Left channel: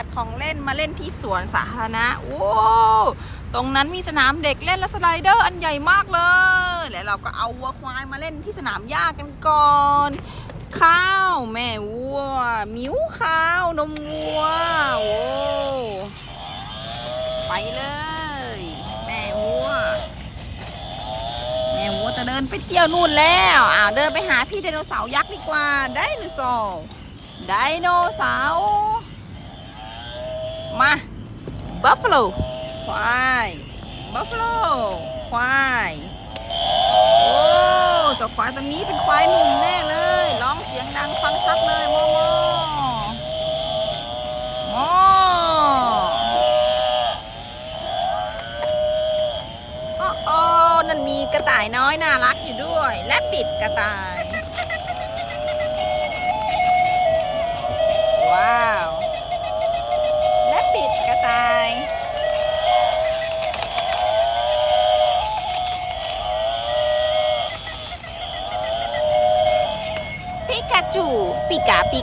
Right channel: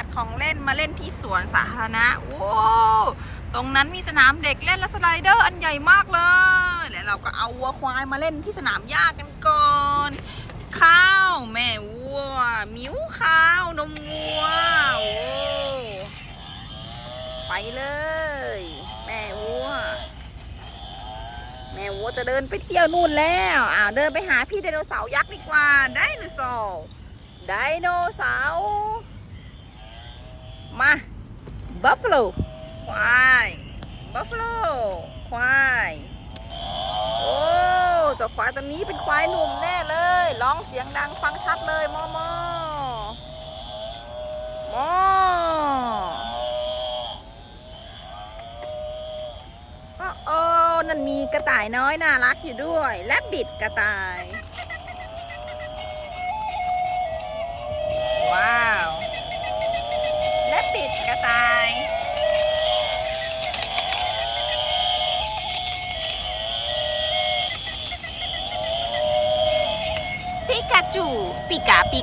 ัตว์ของเล่นมาเล่นที่สวนสาธารณะโอ้ตรงนั้นมีสนามเด็กเล่นและสไลเดอร์อันใหญ่มากเลย แล้วเราก็เอาวัวควายมาเล่นที่สนามหญ้ากันก่อน ข้าวแม่วัว มิวข้าวนมวัวโอ้ไปเลย แม่วัว แม่วัวจะเดินไปเที่ยวนู่นแล้วอ้าวเดินไปหาพี่ไดโนเสาร์ยักษ์ดีกว่าไดโนเสาร์ไดโนเสาร์มา บัฟฟาโลควายบัฟฟาโลควายโอ้เจ้าควายตัวนี้เป็นควายหนุ่มแน่เลยร้องเสียงดังฟังชัดเลยโมโมโมโอ้โอ้นั่นมีกระต่ายน้อยน่ารักอยู่ด้วยและ ปิกาจูปิ